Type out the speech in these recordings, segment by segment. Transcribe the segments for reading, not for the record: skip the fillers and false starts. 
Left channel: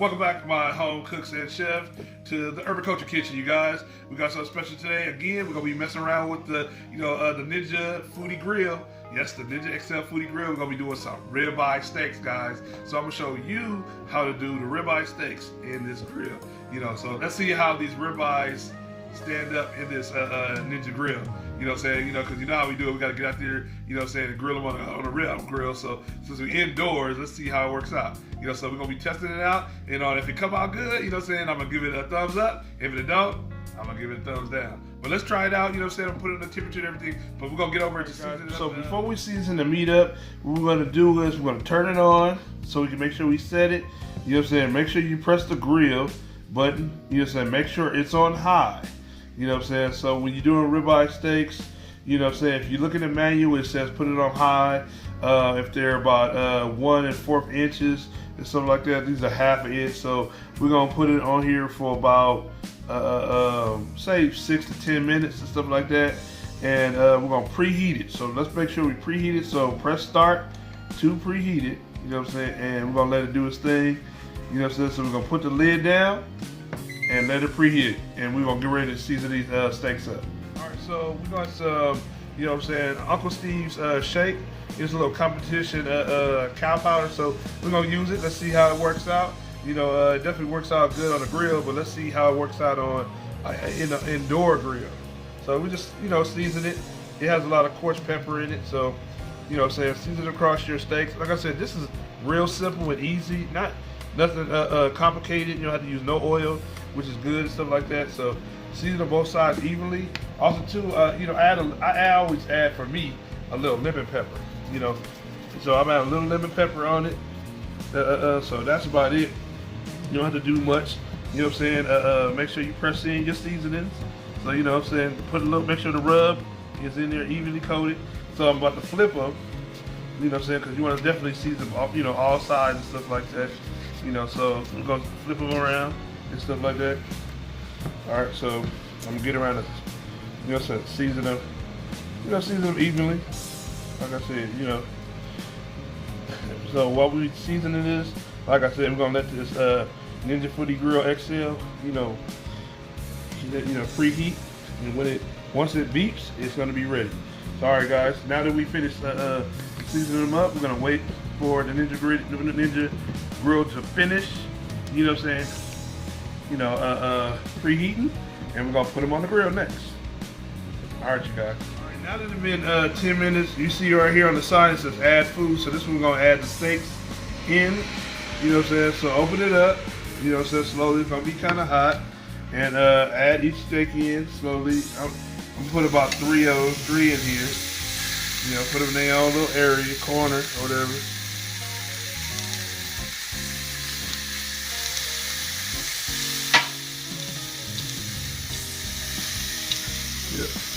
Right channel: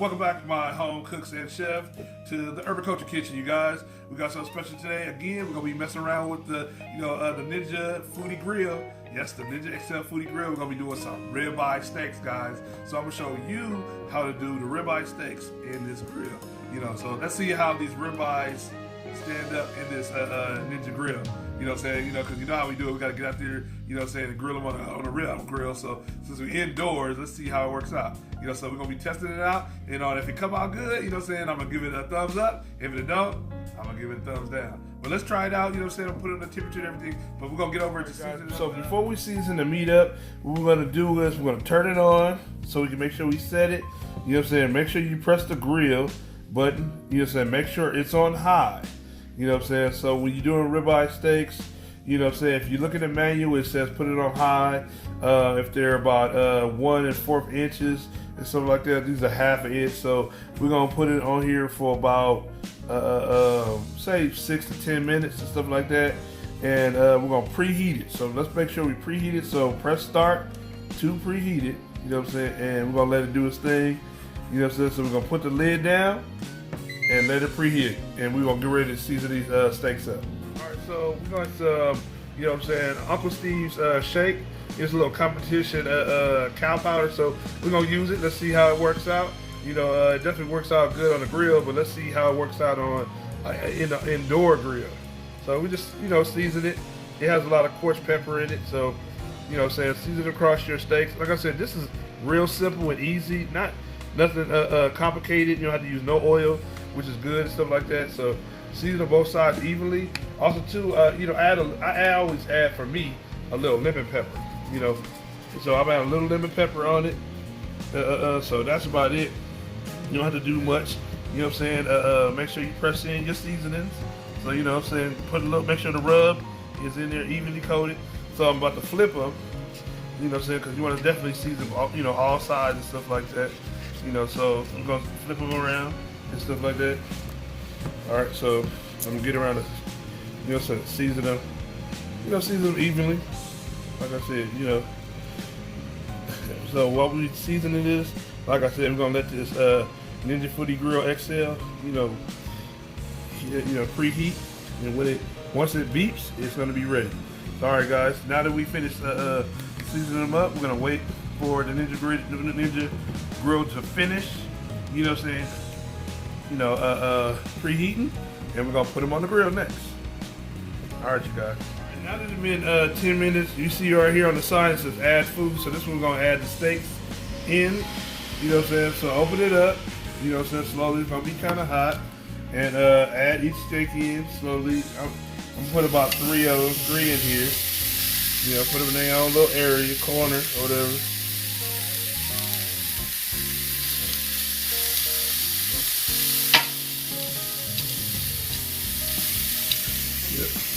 Welcome back to my home cooks and chef to the Urban Culture Kitchen, you guys. We got something special today. Again, we're gonna be messing around with the Ninja Foodi grill. Yes, the Ninja XL Foodi grill. We're gonna be doing some ribeye steaks, guys. So I'm gonna show you how to do the ribeye steaks in this grill. So let's see how these ribeyes stand up in this Ninja grill. You know what I'm saying? Because you know how we do it. We got to get out there, and grill them on a rib grill. So since we're indoors, let's see how it works out. So we're going to be testing it out. And if it come out good, I'm going to give it a thumbs up. If it don't, I'm going to give it a thumbs down. But let's try it out, I'm put it on the temperature and everything. But we're going to get over it to season it up. So before we season the meat up, what we're going to do is we're going to turn it on so we can make sure we set it. Make sure you press the grill button. Make sure it's on high. So when you're doing ribeye steaks, if you look at the manual, it says put it on high. If they're about 1 1/4 inches and something like that, these are 1/2 inch. So we're gonna put it on here for about say 6 to 10 minutes and stuff like that. And we're gonna preheat it. So let's make sure we preheat it. So press start to preheat it. And we're gonna let it do its thing. So we're gonna put the lid down and let it preheat, and we're gonna get ready to season these steaks up. All right, so we got some, Uncle Steve's shake. It's a little competition cow powder, so we're gonna use it. Let's see how it works out. It definitely works out good on the grill, but let's see how it works out on in an indoor grill. So we just, season it. It has a lot of coarse pepper in it, so season it across your steaks. Like I said, this is real simple and easy. Nothing complicated. You don't have to use no oil, which is good and stuff like that. So season on both sides evenly. Also too, I always add, for me, a little lemon pepper. So I'm adding a little lemon pepper on it. So that's about it. You don't have to do much. Make sure you press in your seasonings. So make sure the rub is in there evenly coated. So I'm about to flip them. Because you want to definitely season all sides and stuff like that. So I'm gonna flip them around and stuff like that. All right, so I'm gonna get around to, season them. Season them evenly. Like I said, So while we seasoning this, like I said, we're gonna let this Ninja Foodi Grill XL, preheat, and once it beeps, it's gonna be ready. So, all right, guys. Now that we finished seasoning them up, we're gonna wait for the Ninja Grill to finish, preheating, and we're gonna put them on the grill next. All right, you guys. All right, now that it's been 10 minutes, you see right here on the side it says add food. So this one we're gonna add the steaks in. So open it up. Slowly. It's gonna be kind of hot, and add each steak in slowly. I'm gonna put about 3 in here. Put them in their own little area, corner, or whatever.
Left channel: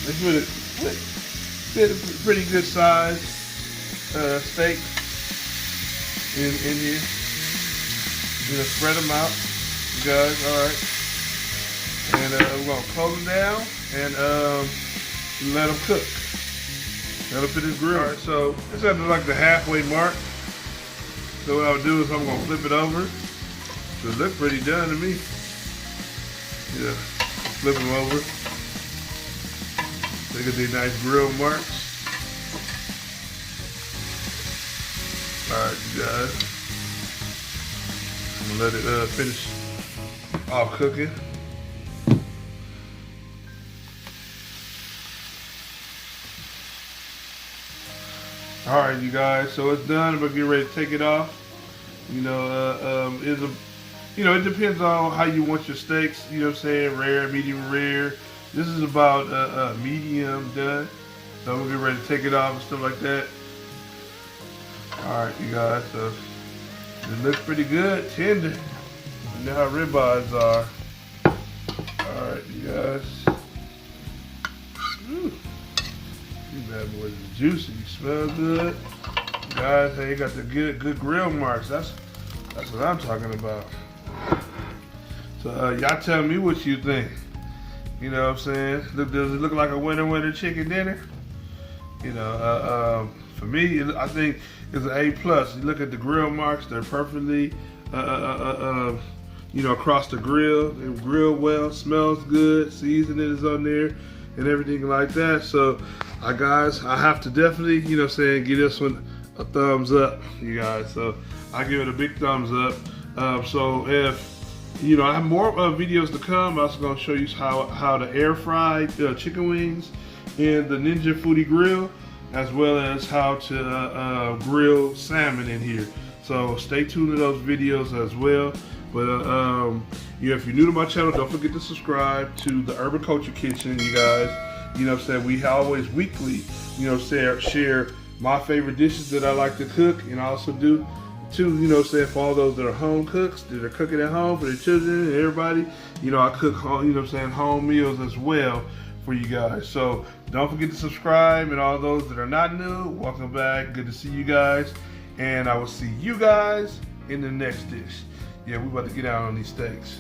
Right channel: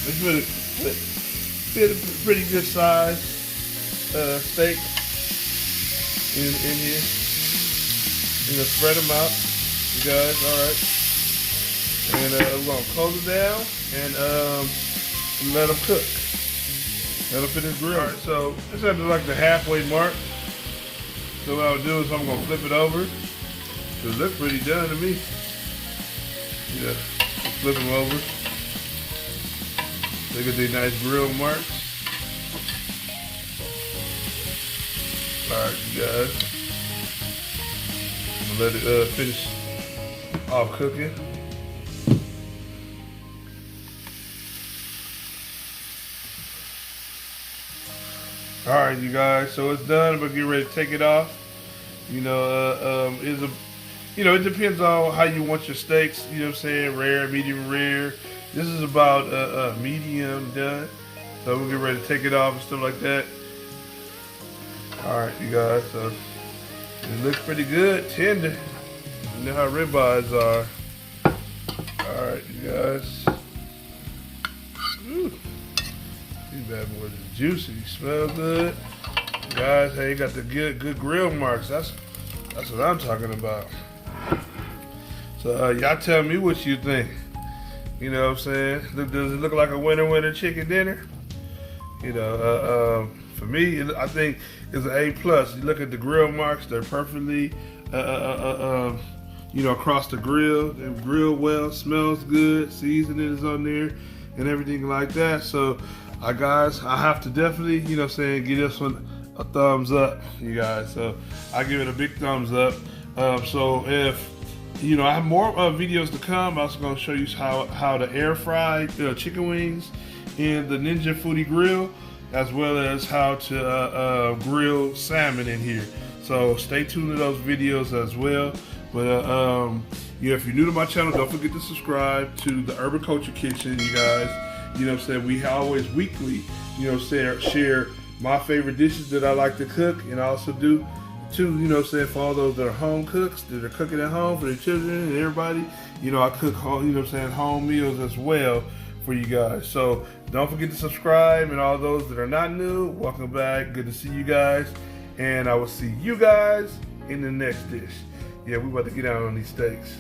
It's a pretty good size steak in here. Spread them out, you guys. All right, and we're gonna close them down and let them cook. Let them fit in the grill. All right, so this is like the halfway mark. So what I'll do is I'm gonna flip it over. So it looks pretty done to me. Flip them over. Look at these nice grill marks. All right, you guys. I'm gonna let it finish off cooking. All right, you guys. So it's done. We're getting ready to take it off. It depends on how you want your steaks. Rare, medium rare. This is about medium done. So we'll get ready to take it off and stuff like that. All right, you guys. So it looks pretty good, tender. You know how ribeyes are. All right, you guys. These bad boys are juicy. Smell good. Guys, hey, you got the good grill marks. That's what I'm talking about. So y'all tell me what you think. You know what I'm saying? Does it look like a winner chicken dinner? For me, I think it's an A+. You look at the grill marks; they're perfectly across the grill. They grill well, smells good, seasoning is on there, and everything like that. So, guys, I have to definitely, give this one a thumbs up, you guys. So, I give it a big thumbs up. So if I have more videos to come. I'm also going to show you how to air fry chicken wings in the Ninja Foodi grill, as well as how to grill salmon in here. So stay tuned to those videos as well. But if you're new to my channel, don't forget to subscribe to the Urban Culture Kitchen, you guys. We always weekly, share my favorite dishes that I like to cook, and I also do too, for all those that are home cooks, that are cooking at home for their children and everybody, I cook, home meals as well for you guys. So don't forget to subscribe, and all those that are not new, welcome back. Good to see you guys, and I will see you guys in the next dish. Yeah, we about to get out on these steaks.